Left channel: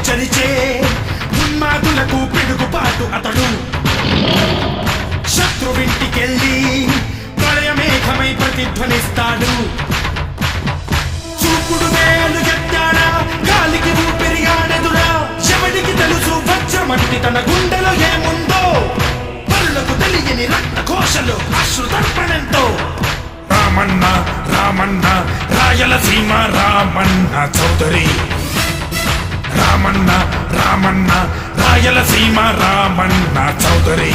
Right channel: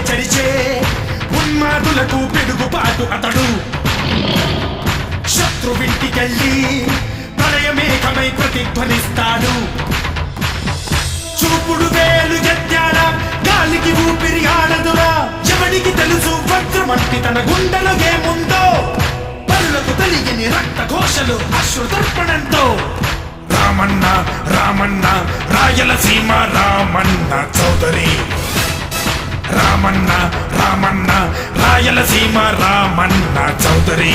చరిచే ఉన్మాదులకు పిడుగుపాటు అతడు శత్రువింటికెళ్ళి ప్రళయమేఘమై ప్రతిధ్వనిస్తాడు చూపుడు వేలు గత్యాడా గాలికి ఊపిరి ఆడదురా శివుడికి తెలుసు వజ్రమంటి తన గుండెలో ఏముందో పరులకు తెలియని రక్త ఘోషలు అశ్రుతర్పణంతో రామన్న రామన్న రాయలసీమ రామన్న చౌదరి రామన్న రామన్న రాయలసీమ రామన్న చౌదరి